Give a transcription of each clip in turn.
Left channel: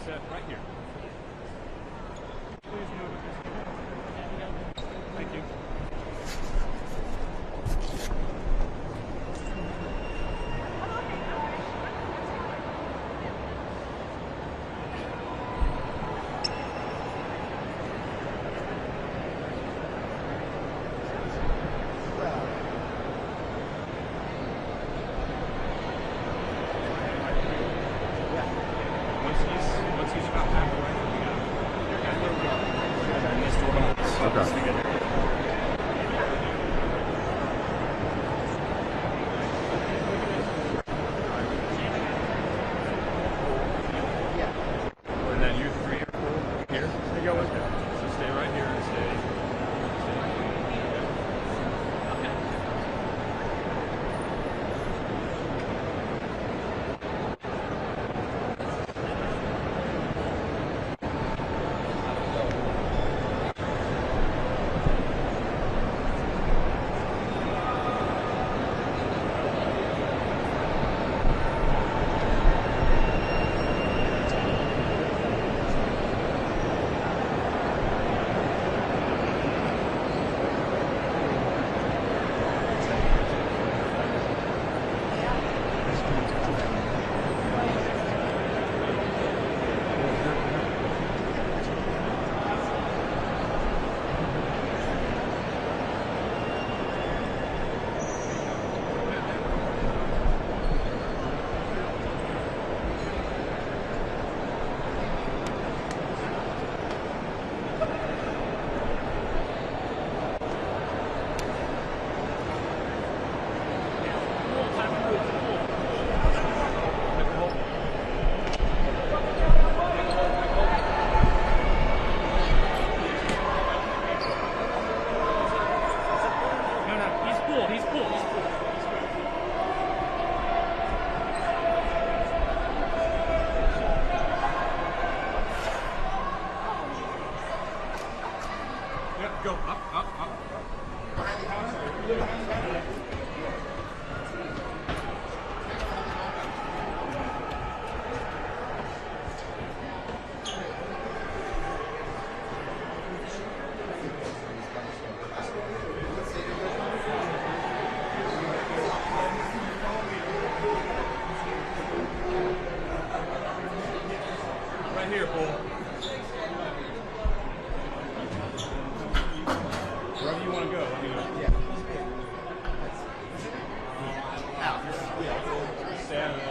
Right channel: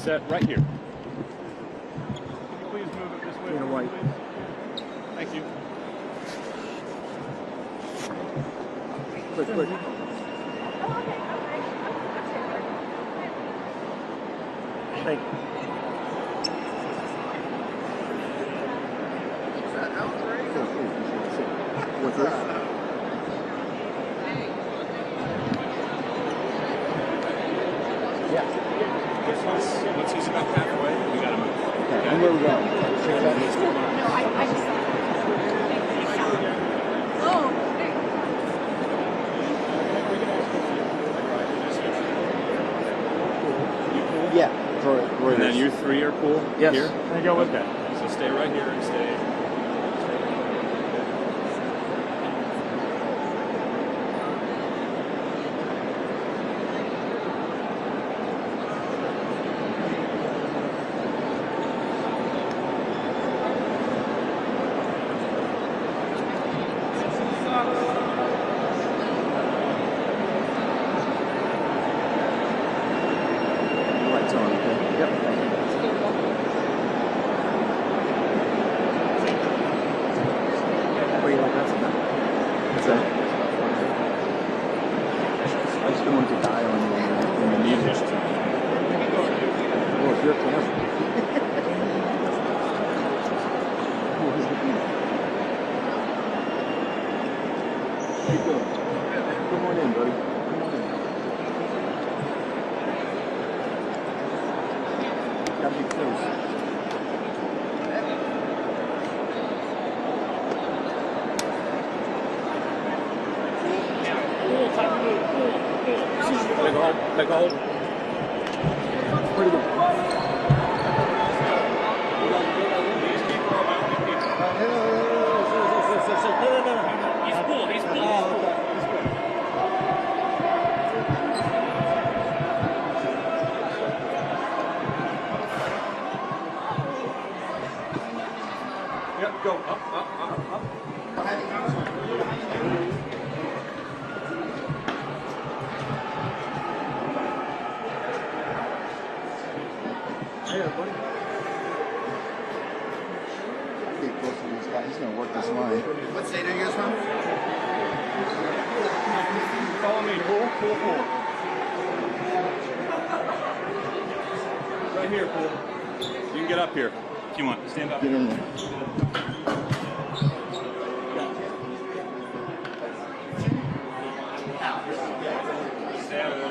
set right here. Please move it this way. White. Thank you. Quick. Thank you. What's that? Once he's about halfway, we got him. And where we going? Yeah. And then you three are cool? Yes. Here? I go with that. So stay right here and stay. Take a hold. Pretty good. He's cool. Yep, go up. He's going to work this line. What state are you guys from? Follow me. Cool. Right here, Pool. You can get up here if you want. Stand up. Get in there. Wherever you want to go. Stay out of there.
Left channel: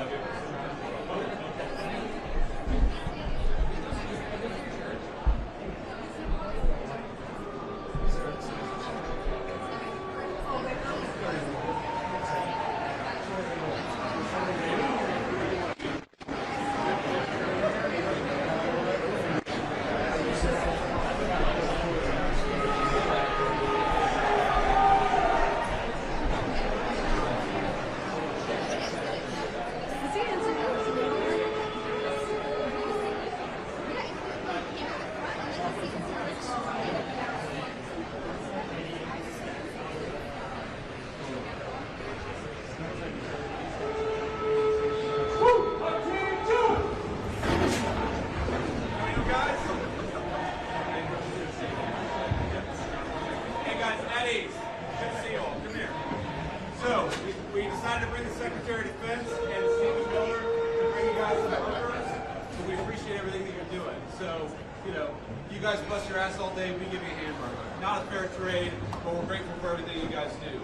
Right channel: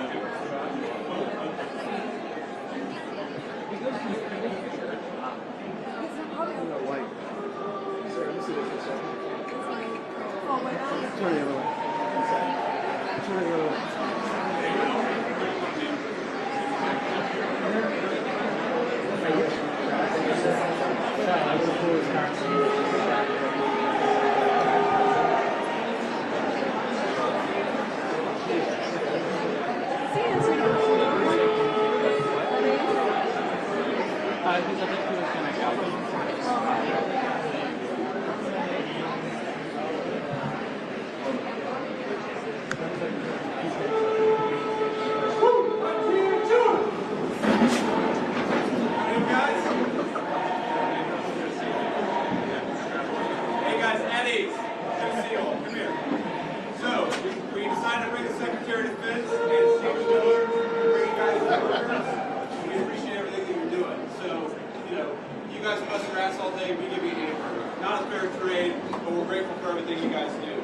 You guys bust your ass all day, we give you a hamburger. Not a fair trade, but we're grateful for everything you guys do.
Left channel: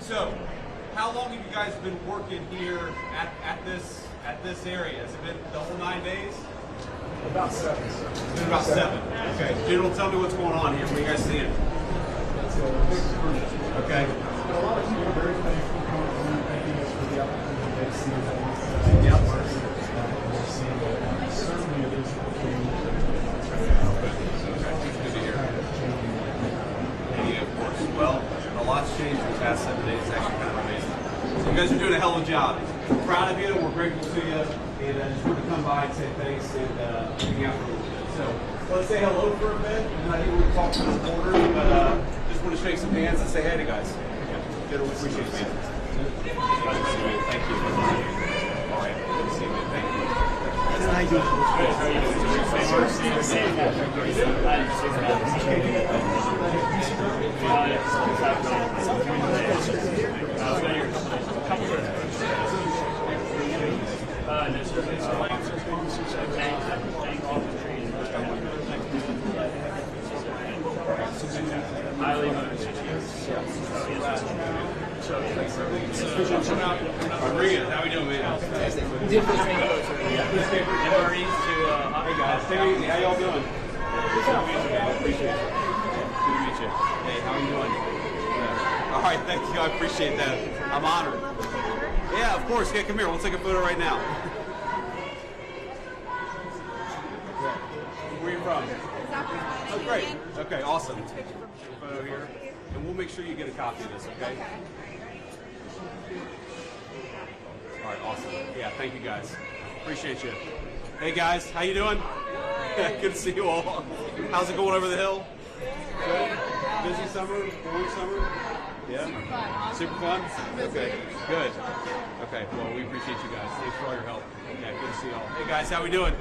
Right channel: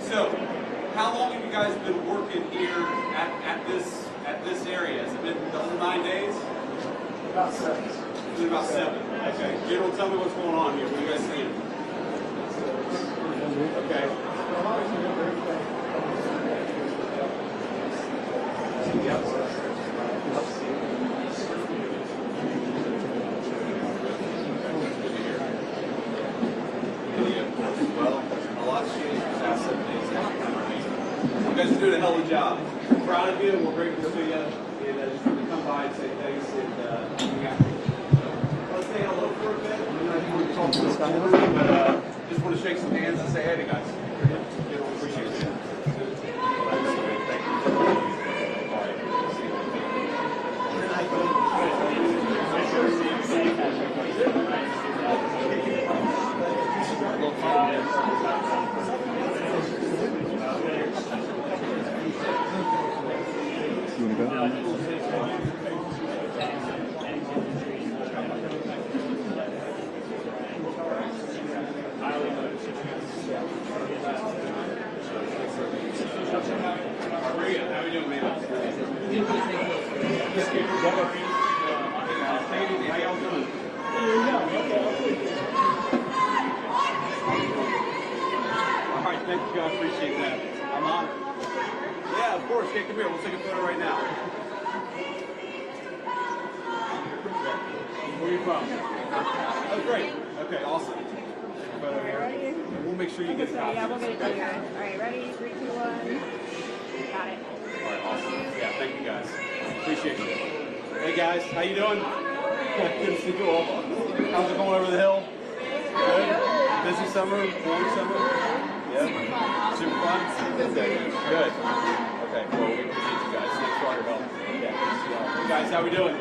So, how long have you guys been working here at this area? Has it been the whole 9 days? About 7. It's been about 7. Okay. General, tell me what's going on here. What are you guys seeing? Okay. Yep. Well, a lot's changed in the past 7 days. It's actually kind of amazing. So you guys are doing a hell of a job. We're proud of you. We're grateful to you. And I just wanted to come by and say thanks and hang out with you. So let's say hello for a bit. And I think we're talking to the board, but just want to shake some hands and say hey to guys. Appreciate it. Thank you. All right. Thank you. Regan, how are we doing, man? How y'all doing? All right, thank you. I appreciate that. I'm honored. Yeah, of course. Yeah, come here. We'll take a photo right now. Where are you from? Oh, great. Okay, awesome. Photo here. We'll make sure you get a copy. Yeah, we'll get it. Okay. All right, ready? 3, 2, 1. Got it. All right, awesome. Yeah, thank you guys. Appreciate you. Hey guys, how you doing? Good to see you all. How's it going over the hill? Good. Busy summer? Cold summer? Yeah. Super fun? Okay. Good. Okay. Well, we appreciate you guys. Thanks for all your help. Yeah, good to see you all. Hey guys, how we doing?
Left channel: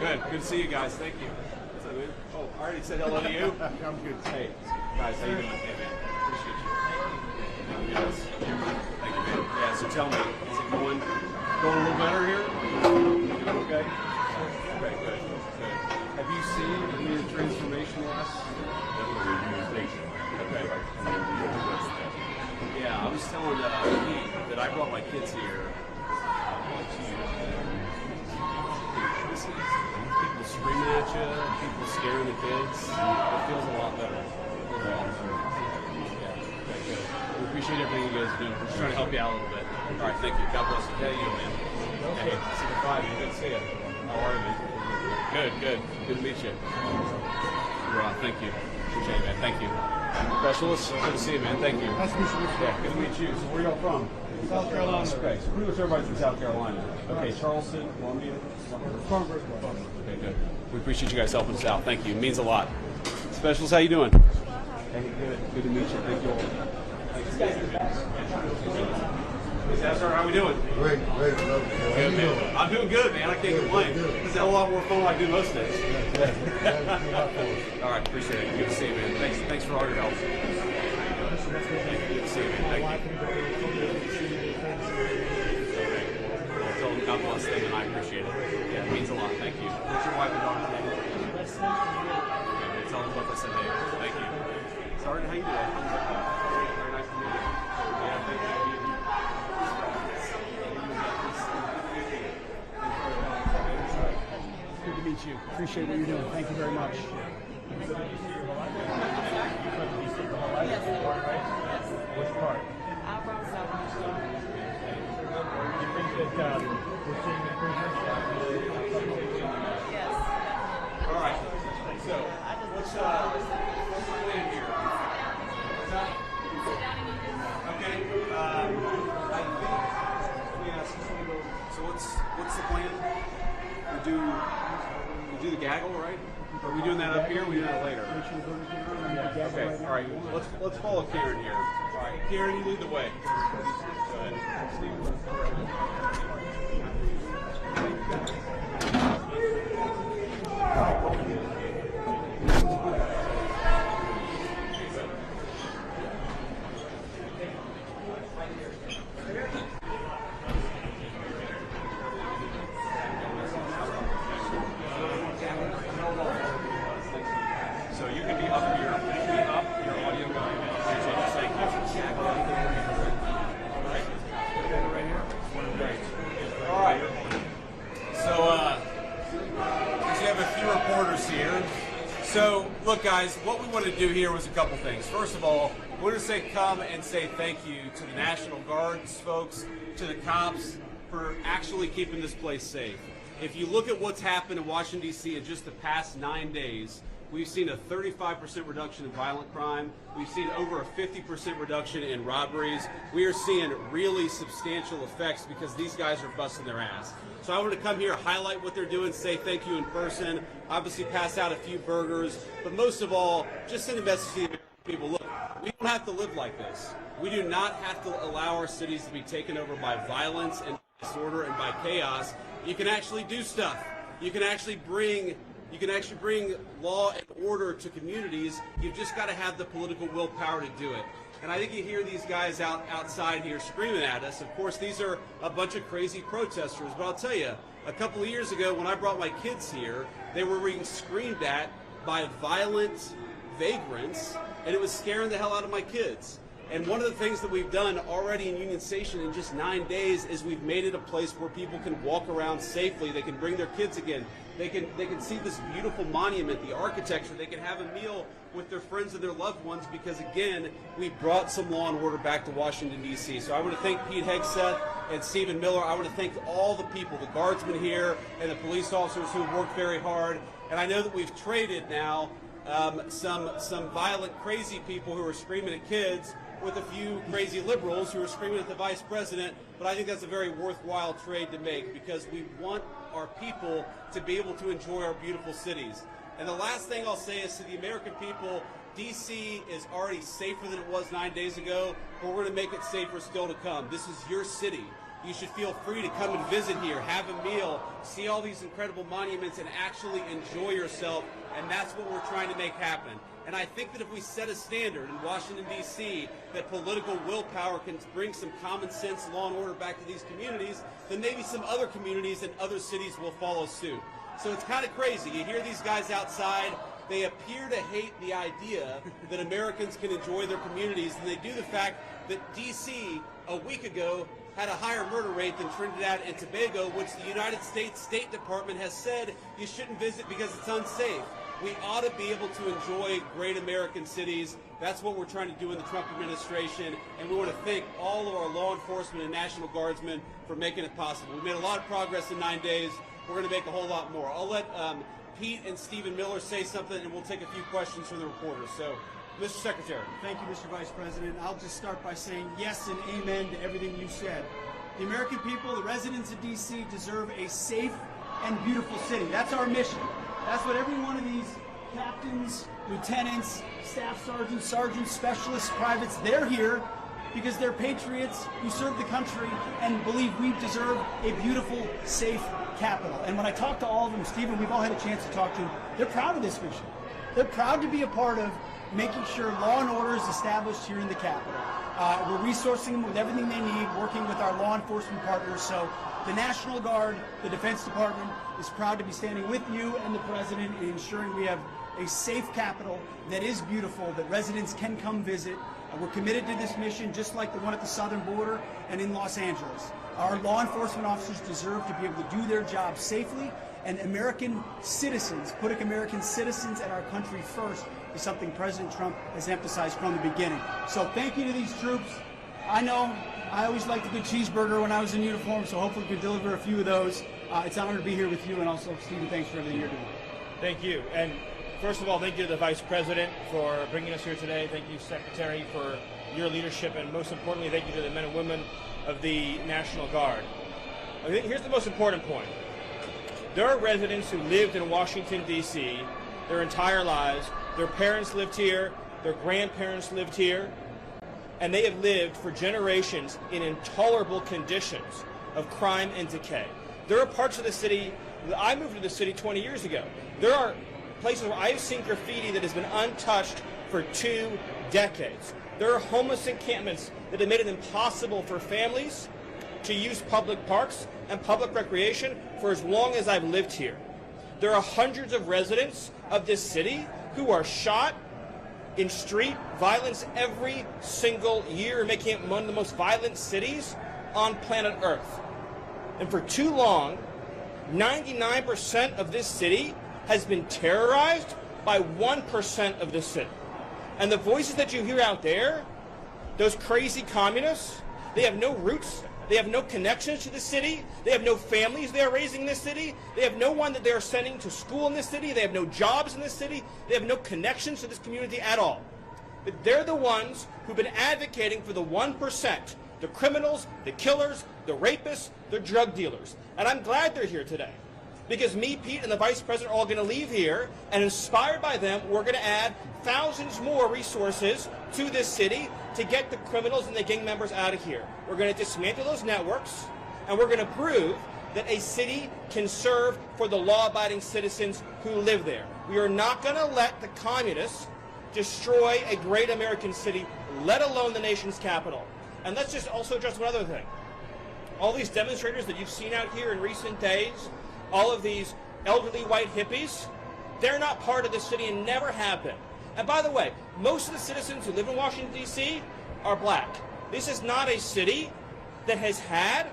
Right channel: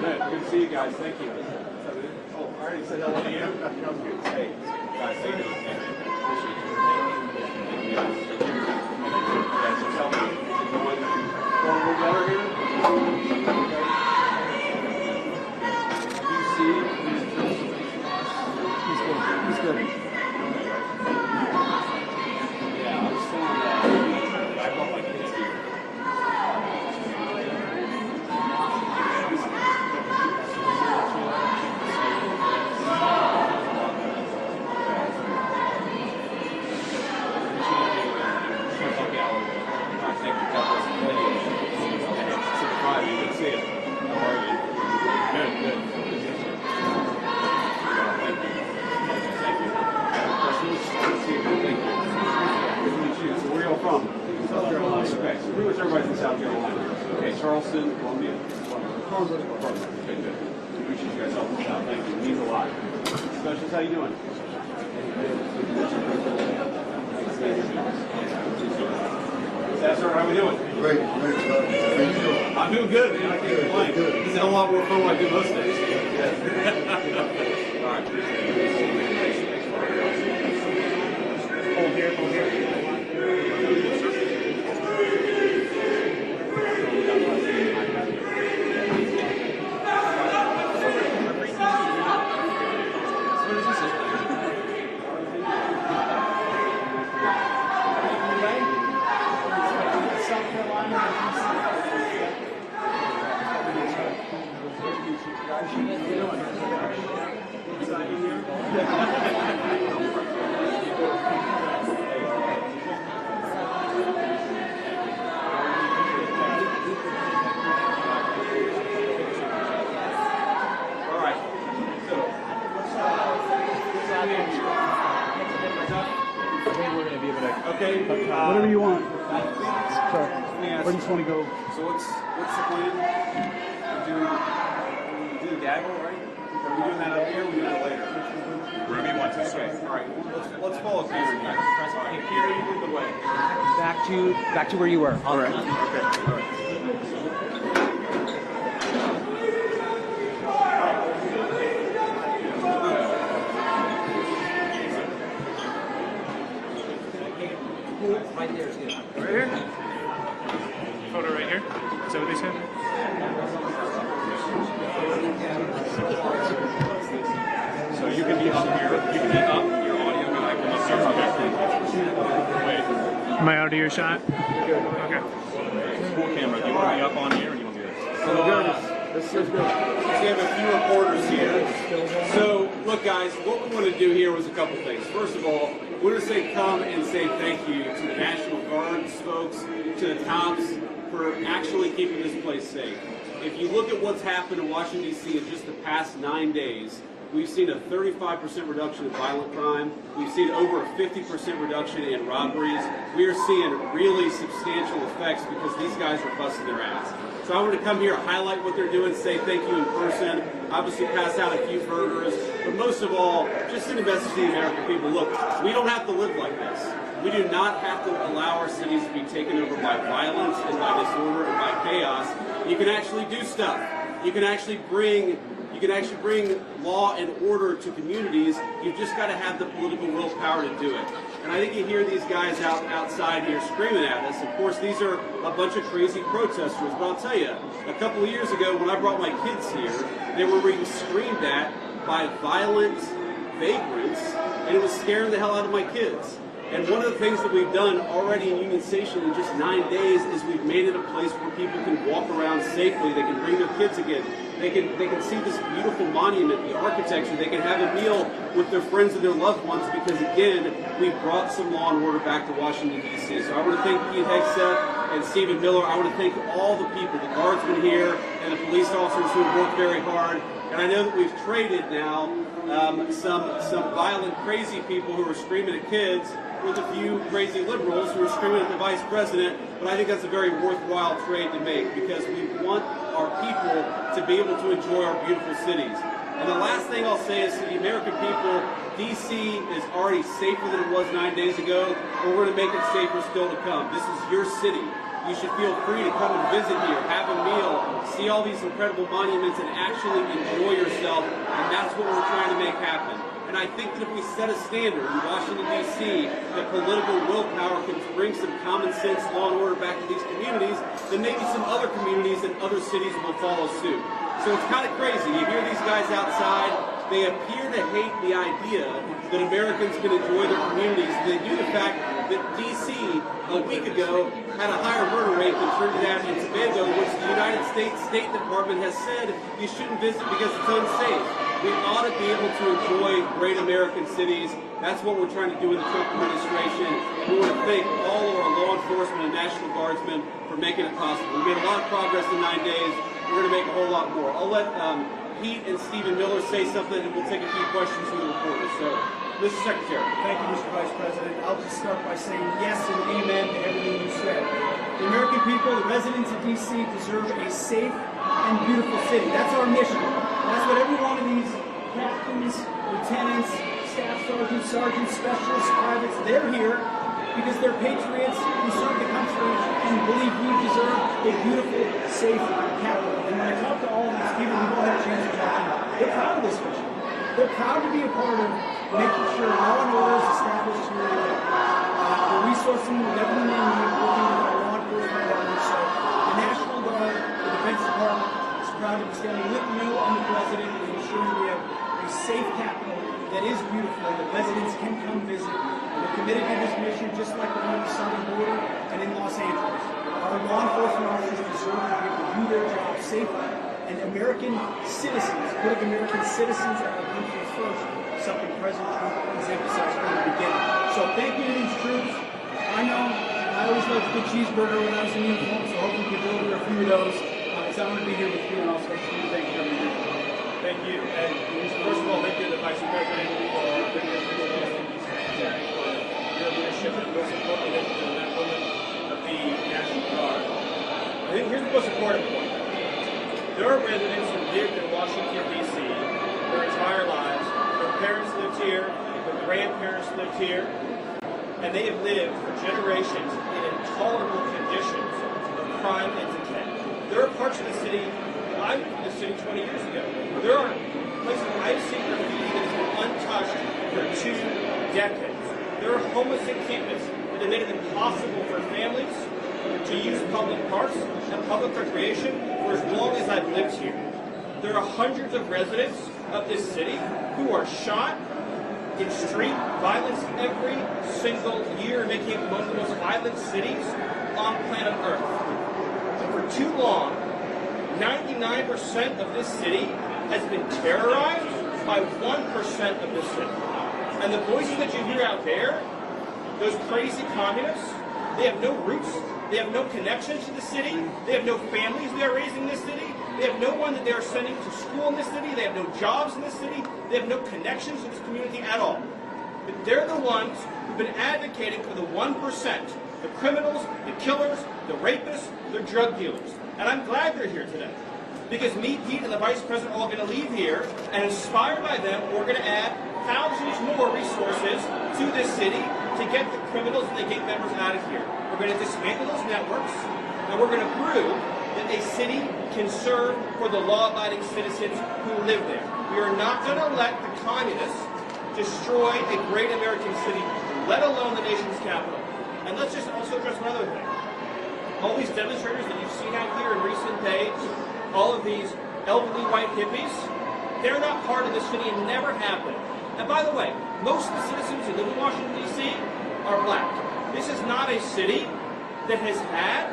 Good. Good to see you guys. Thank you. What's up, dude? Oh, I already said hello to you. Hey, guys, how you doing? Appreciate you. Thank you guys. Thank you. Yeah, so tell me, is it going a little better here? Have you seen the transformation last? He's good. Yeah, I'm still in that. I brought my kids here. People screaming at you, people scaring the kids. It feels a lot better. I appreciate it being with you. Just trying to help you out a little bit. All right, thank you. God bless you. Thank you, man. Hey, super fine. Good to see you. How are you? Good, good. Good to meet you. Thank you. Thank you. Specialist, good to see you, man. Thank you. Nice to meet you. Yeah, good to meet you. So where are y'all from? South Carolina. Okay, so pretty much everybody's in South Carolina. Okay, Charleston, Columbia. Okay, good. We appreciate you guys helping us out. Thank you. It means a lot. Specialist, how you doing? Sir, how we doing? Great. How you doing? I'm doing good, man. I can't complain. This is a lot more fun than I do most days. All right, appreciate it. Good to see you, man. Thanks for all your help. God bless you, and I appreciate it. Yeah, it means a lot. Thank you. Sorry, how you doing? Appreciate you. Thank you very much. All right. So, what's our name here? Okay. Whatever you want. Sorry. Let me ask I just want to go. So what's the plan? We do the gaggle, right? Are we doing that up here? Or we doing it later? Wherever you want to. Okay. All right. Let's follow Kieran here. All right. Kieran, you lead the way. Back to where you were. All right. Okay. All right. Right here? Photo right here? Is that what they said? So you can be up here. You can be up. Your audio can like up here. Wait. Am I out of your shot? Okay. Cool camera. Do you want to be up on here or do you want to be there? So we have a few reporters here. So, look guys, what we want to do here was a couple things. First of all, we want to say come and say thank you to the National Guards folks, to the cops, for actually keeping this place safe. If you look at what's happened in Washington, D.C. in just the past 9 days, we've seen a 35% reduction in violent crime. We've seen over a 50% reduction in robberies. We are seeing really substantial effects because these guys are busting their ass. So I want to come here, highlight what they're doing, say thank you in person, obviously pass out a few burgers, but most of all, just send a message to the American people. Look, we don't have to live like this. We do not have to allow our cities to be taken over by violence and by disorder and by chaos. You can actually do stuff. You can actually bring law and order to communities. You've just got to have the political willpower to do it. And I think you hear these guys outside here screaming at us. Of course, these are a bunch of crazy protesters. But I'll tell you, a couple of years ago when I brought my kids here, they were being screamed at by violent vagrants, and it was scaring the hell out of my kids. And one of the things that we've done already in Union Station in just 9 days is we've made it a place where people can walk around safely. They can bring their kids again. They can see this beautiful monument, the architecture. They can have a meal with their friends and their loved ones because, again, we brought some law and order back to Washington, D.C. So I want to thank Pete Hegseth and Stephen Miller. I want to thank all the people, the guardsmen here and the police officers who have worked very hard. And I know that we've traded now some violent, crazy people who are screaming at kids with a few crazy liberals who are screaming at the vice president, but I think that's a very worthwhile trade to make because we want our people to be able to enjoy our beautiful cities. And the last thing I'll say is to the American people, D.C. is already safer than it was 9 days ago, but we're going to make it safer still to come. This is your city. You should feel free to come and visit here, have a meal, see all these incredible monuments, and actually enjoy yourself, and that's what we're trying to make happen. And I think that if we set a standard in Washington, D.C., that political willpower can bring some common sense, law and order back to these communities, then maybe some other communities and other cities will follow suit. So it's kind of crazy. You hear these guys outside. They appear to hate the idea that Americans can enjoy their communities. They do the fact that D.C. a week ago had a higher murder rate than Trinidad and Tobago, which the United States State Department has said you shouldn't visit because it's unsafe. We ought to be able to enjoy great American cities. That's what we're trying to do with the Trump administration. And we want to thank all of our law enforcement and National Guardsmen for making it possible. We made a lot of progress in 9 days. We're going to make a whole lot more. I'll let Pete and Stephen Miller say something, and we'll take a few questions from the reporters. So, Mr. Secretary. Thank you, Mr. Vice President. I'll just start by saying yes and amen to everything you said. The American people, the residents of D.C. deserve a safe and beautiful city. That's our mission. That's what every one of these captains, lieutenants, staff sergeants, specialists, privates, they're here because they're patriots who serve the country and believe we deserve a beautiful, safe capital. And when I talk to all of them, Stephen, we've all had a chance to talk to them, they're proud of this mission. They're proud to be a part of making sure law and order is established here in the capital. We're resourcing with everything they need, working with our law enforcement partners. So the National Guard, the Defense Department, is proud to be standing with you and the President and ensuring we have a safe capital that is beautiful, that residents can come visit. And we're committed to this mission just like the one at the southern border and in Los Angeles. Our law enforcement officers deserve to be able to do their job safely, and American citizens, putting American citizens and our country first, is something President Trump has emphasized from the beginning. So thank you to these troops. I know I always liked a good cheeseburger when I was in uniform, so hopefully we can deliver a few of those. It's an honor to be here with you, and also thank you for everything you're doing. Thank you. And first of all, thank you to the Vice President for bringing us here today. Thank you, Secretary, for your leadership, and most importantly, thank you to the men and women of the National Guard. I think here's the most important point. There are residents who lived in Washington, D.C. their entire lives. Their parents lived here. Their grandparents lived here. And they have lived for generations in intolerable conditions of crime and decay. There are parts of the city, I moved to the city 20 years ago. There are places where I've seen graffiti that has been untouched for 2 decades. There are homeless encampments that have made it impossible for families to use public parks and public recreation for as long as I've lived here. There are hundreds of residents of this city who are shot in street violence every single year, making it one of the most violent cities on planet Earth. And for too long, 99% of this city has been terrorized by 1% of the city. And the voices that you hear out there, those crazy communists, they have no roots, they have no connections to the city, they have no families they're raising in this city, they have no one that they're sending to school in this city, they have no jobs in this city, they have no connections to this community at all. But they're the ones who've been advocating for the 1%, the criminals, the killers, the rapists, the drug dealers. And I'm glad they're here today. Because me, Pete, and the Vice President are all going to leave here, and inspired by them, we're going to add thousands more resources to this city to get the criminals and the gang members out of here. We're going to dismantle those networks, and we're going to prove that a city can serve for the law-abiding citizens who live there. We are not going to let the communists destroy a great American city, let alone the nation's capital. And let's just also address another thing. All these demonstrators that you've seen out here in recent days, all of these elderly white hippies, they're not part of the city and never have been. And by the way, most of the citizens who live in Washington, D.C. are black. This is not a city that has had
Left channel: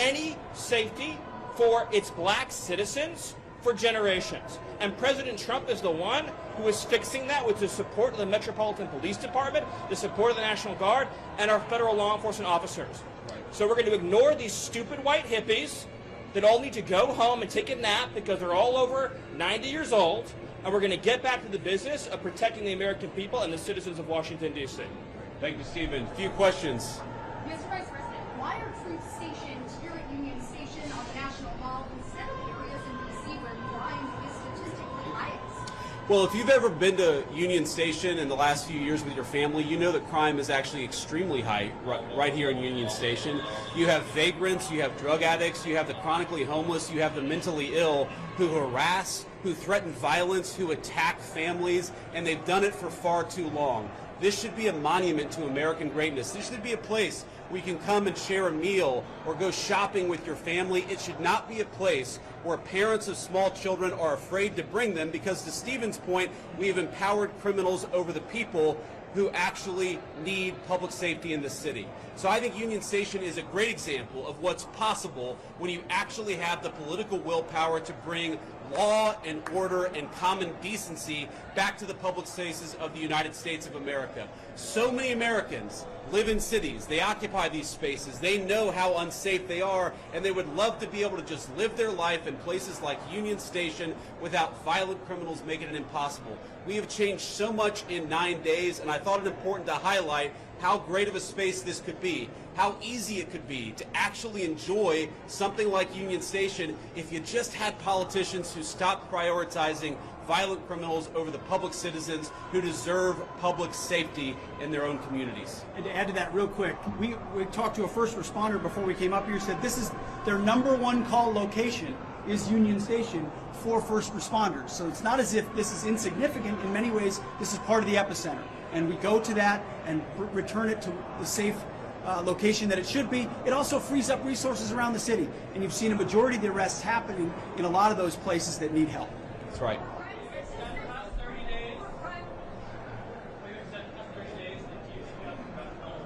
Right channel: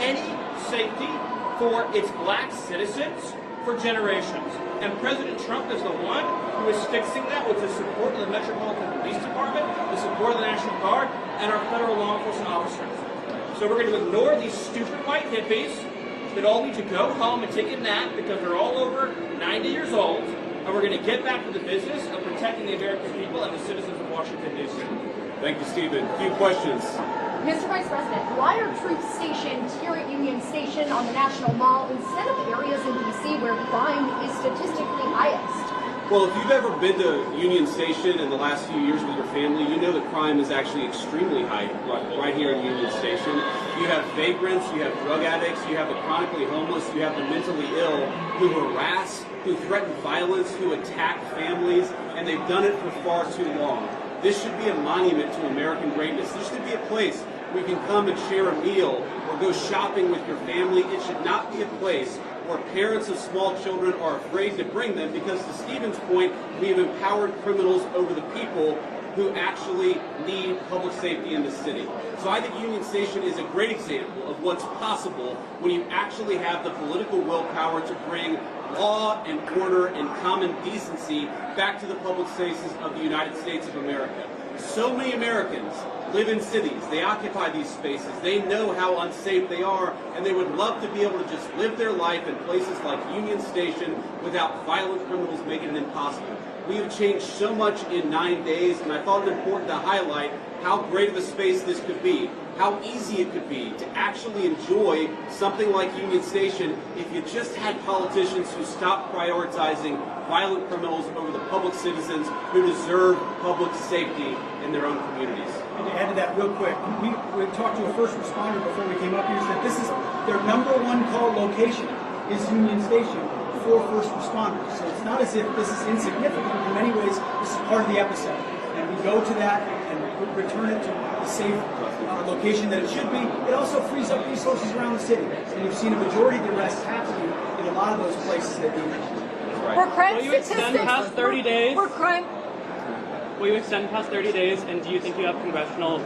any safety for its black citizens for generations. And President Trump is the one who is fixing that with the support of the Metropolitan Police Department, the support of the National Guard, and our federal law enforcement officers. So we're going to ignore these stupid white hippies that all need to go home and take a nap because they're all over 90 years old, and we're going to get back to the business of protecting the American people and the citizens of Washington, D.C. Thank you, Stephen. A few questions. Mr. Vice President, why are troops stationed here at Union Station on the National Mall instead of areas in D.C. where crime is statistically highest? Well, if you've ever been to Union Station in the last few years with your family, you know that crime is actually extremely high right here in Union Station. You have vagrants, you have drug addicts, you have the chronically homeless, you have the mentally ill who harass, who threaten violence, who attack families, and they've done it for far too long. This should be a monument to American greatness. This should be a place where you can come and share a meal or go shopping with your family. It should not be a place where parents of small children are afraid to bring them because, to Stephen's point, we have empowered criminals over the people who actually need public safety in the city. So I think Union Station is a great example of what's possible when you actually have the political willpower to bring law and order and common decency back to the public spaces of the United States of America. So many Americans live in cities, they occupy these spaces, they know how unsafe they are, and they would love to be able to just live their life in places like Union Station without violent criminals making it impossible. We have changed so much in 9 days, and I thought it important to highlight how great of a space this could be, how easy it could be to actually enjoy something like Union Station if you just had politicians who stopped prioritizing violent criminals over the public citizens who deserve public safety in their own communities. And to add to that real quick, we talked to a first responder before we came up here, said this is their #1 call location is Union Station for first responders. So it's not as if this is insignificant. In many ways, this is part of the epicenter. And we go to that and return it to the safe location that it should be. It also frees up resources around the city. And you've seen a majority of the arrests happening in a lot of those places that need help. Right. For crime Will you extend past 30 days? For crime. Will you extend past 30 days, and do you think you have congressional,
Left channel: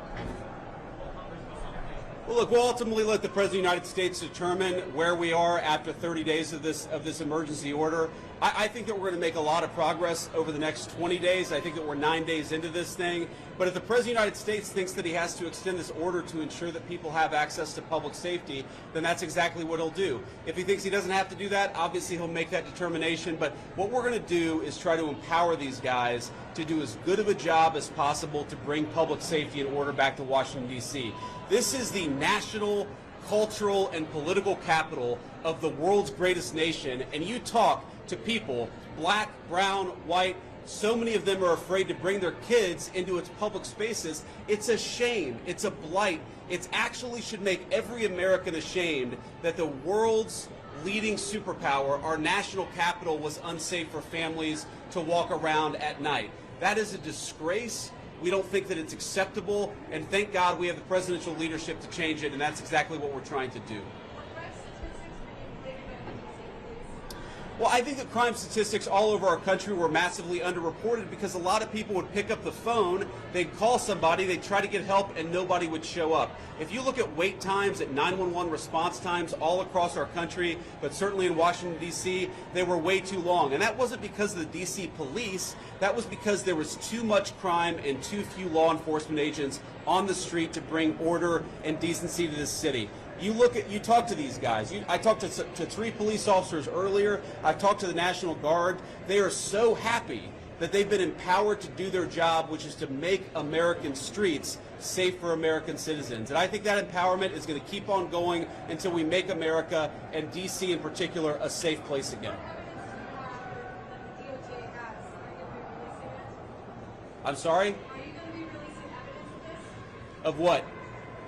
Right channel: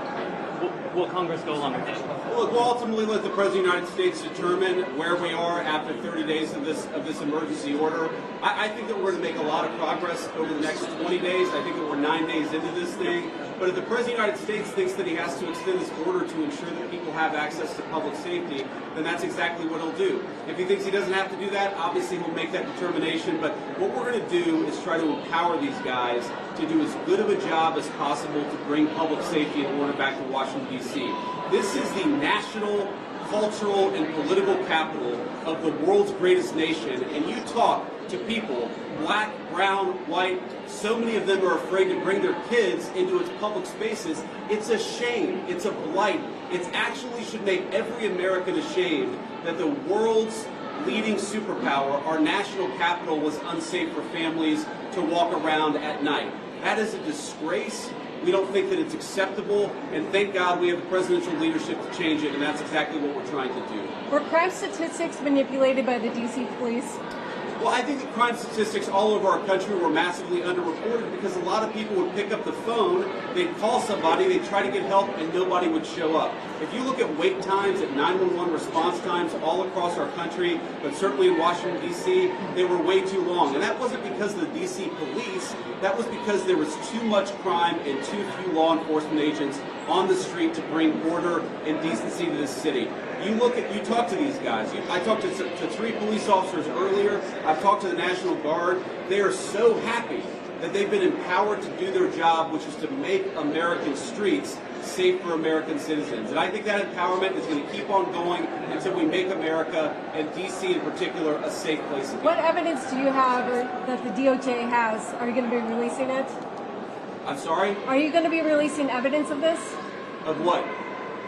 will Congress go along with it? Well, look, we'll ultimately let the President of the United States determine where we are after 30 days of this emergency order. I think that we're going to make a lot of progress over the next 20 days. I think that we're 9 days into this thing. But if the President of the United States thinks that he has to extend this order to ensure that people have access to public safety, then that's exactly what he'll do. If he thinks he doesn't have to do that, obviously he'll make that determination. But what we're going to do is try to empower these guys to do as good of a job as possible to bring public safety and order back to Washington, D.C. This is the national, cultural, and political capital of the world's greatest nation. And you talk to people, black, brown, white, so many of them are afraid to bring their kids into its public spaces. It's a shame. It's a blight. It actually should make every American ashamed that the world's leading superpower, our national capital, was unsafe for families to walk around at night. That is a disgrace. We don't think that it's acceptable, and thank God we have the presidential leadership to change it, and that's exactly what we're trying to do. Were crime statistics manipulated by the D.C. police? Well, I think that crime statistics all over our country were massively underreported because a lot of people would pick up the phone, they'd call somebody, they'd try to get help, and nobody would show up. If you look at wait times, at 911 response times all across our country, but certainly in Washington, D.C., they were way too long. And that wasn't because of the D.C. police, that was because there was too much crime and too few law enforcement agents on the street to bring order and decency to this city. You talk to these guys. I talked to 3 police officers earlier. I've talked to the National Guard. They are so happy that they've been empowered to do their job, which is to make American streets safe for American citizens. And I think that empowerment is going to keep on going until we make America, and D.C. in particular, a safe place again. What evidence do you have that the DOJ has? Are you going to be releasing it? I'm sorry? Are you going to be releasing evidence of this? Of what?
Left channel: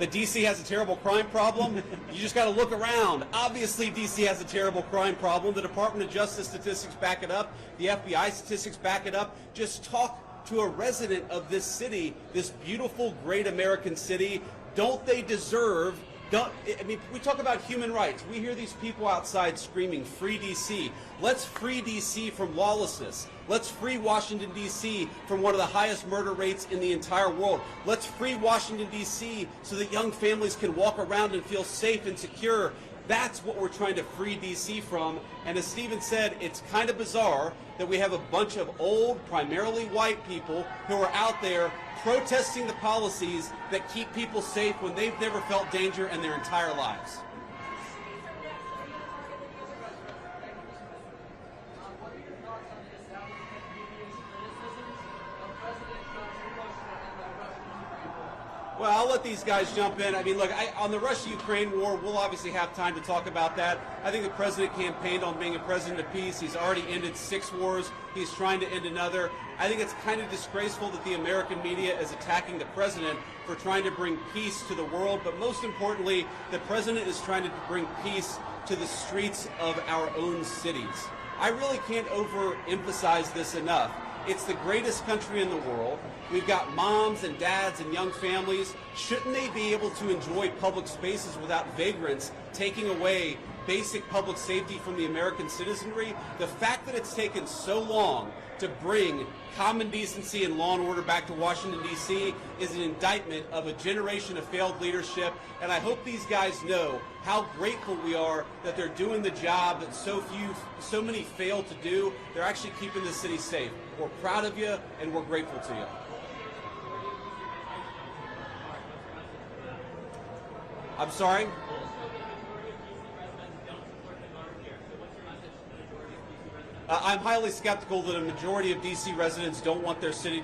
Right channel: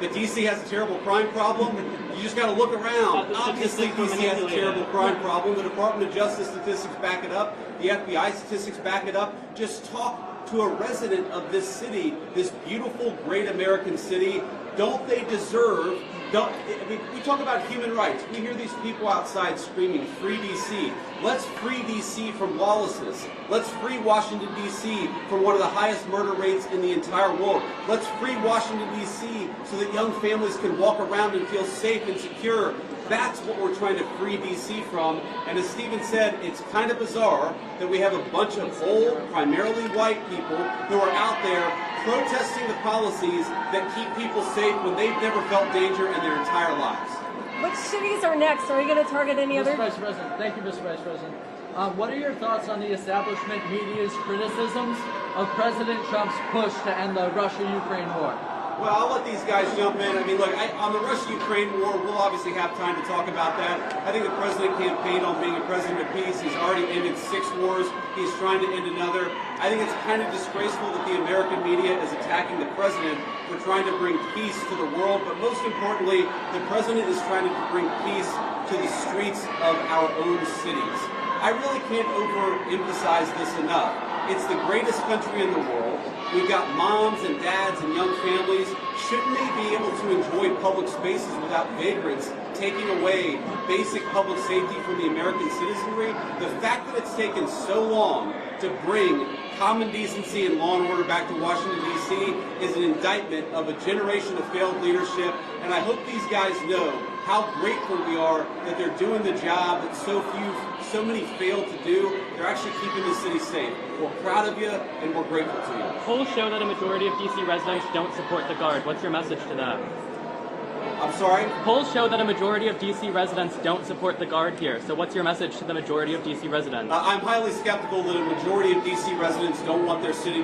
that DC has a terrible crime problem? You just got to look around. Obviously, DC has a terrible crime problem. The Department of Justice statistics back it up. The FBI statistics back it up. Just talk to a resident of this city, this beautiful, great American city. Don't they deserve? We talk about human rights. We hear these people outside screaming, "Free DC." Let's free DC from lawlessness. Let's free Washington, D.C. from one of the highest murder rates in the entire world. Let's free Washington, D.C. so that young families can walk around and feel safe and secure. That's what we're trying to free D.C. from. And as Stephen said, it's kind of bizarre that we have a bunch of old, primarily white people who are out there protesting the policies that keep people safe when they've never felt danger in their entire lives. Which cities are next? Are you going to target any other? Mr. Vice President, thank you, Mr. Vice President. What are your thoughts on the establishment media's criticisms of President Trump's push to end the Russia-Ukraine war? Well, I'll let these guys jump in. I mean, look, on the Russia-Ukraine war, we'll obviously have time to talk about that. I think the president campaigned on being a president of peace. He's already ended 6 wars. He's trying to end another. I think it's kind of disgraceful that the American media is attacking the president for trying to bring peace to the world. But most importantly, the president is trying to bring peace to the streets of our own cities. I really can't overemphasize this enough. It's the greatest country in the world. We've got moms and dads and young families. Shouldn't they be able to enjoy public spaces without vagrants taking away basic public safety from the American citizenry? The fact that it's taken so long to bring common decency and law and order back to Washington, D.C. is an indictment of a generation of failed leadership. And I hope these guys know how grateful we are that they're doing the job that so many failed to do. They're actually keeping the city safe. We're proud of you, and we're grateful to you. Polls show that a majority of DC residents don't support the Guard. What's your message to that? I'm sorry? Polls show that a majority of DC residents don't support the Guard here. So what's your message to the majority of DC residents? I'm highly skeptical that a majority of DC residents don't want their city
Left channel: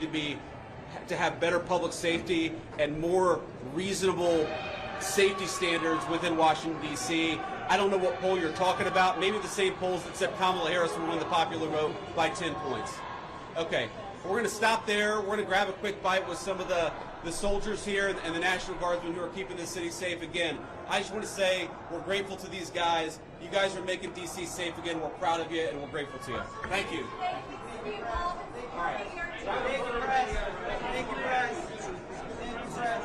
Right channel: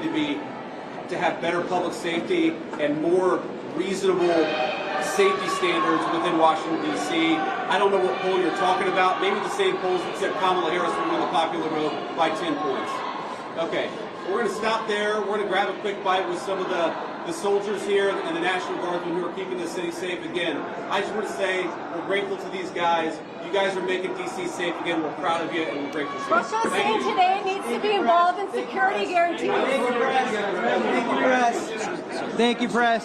to have better public safety and more reasonable safety standards within Washington, D.C. I don't know what poll you're talking about. Maybe the same polls that said Kamala Harris would win the popular vote by 10 points. Okay, we're going to stop there. We're going to grab a quick bite with some of the soldiers here and the National Guardsmen who are keeping the city safe again. I just want to say we're grateful to these guys. You guys are making D.C. safe again. We're proud of you, and we're grateful to you. Russia saying today needs to be involved in security guarantees. Thank you, press. Thank you, press.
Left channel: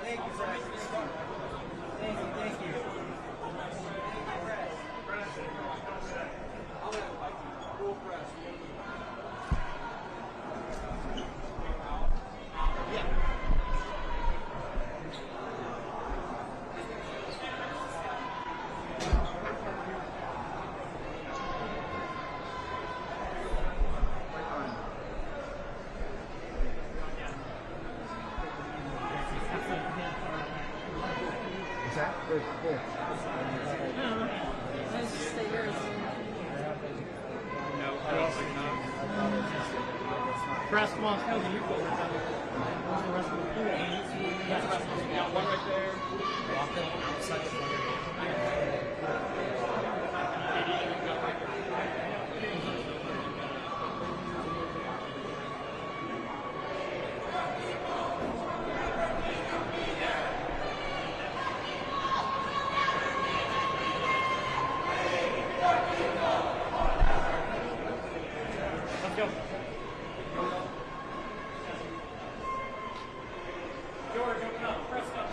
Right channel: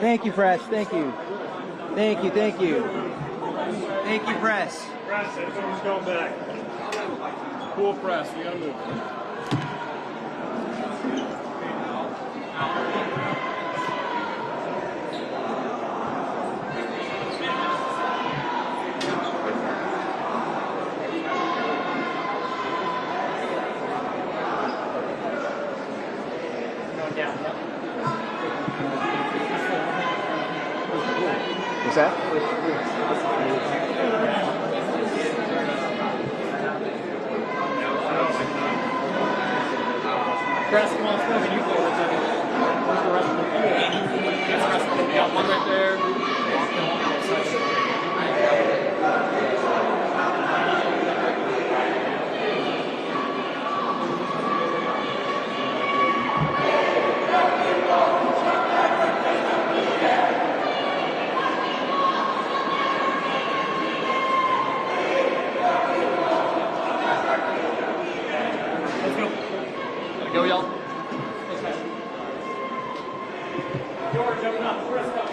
Thank you, press. Thank you. Thank you, thank you. Thank you, press. Press, everyone's going back. Cool press, we gotta move. What's that? Press, come on, Phil, can you go with that? Where's the rest of the pool? That's the rest of the pool. Yeah, one right there. Go, y'all. George, open up. First up.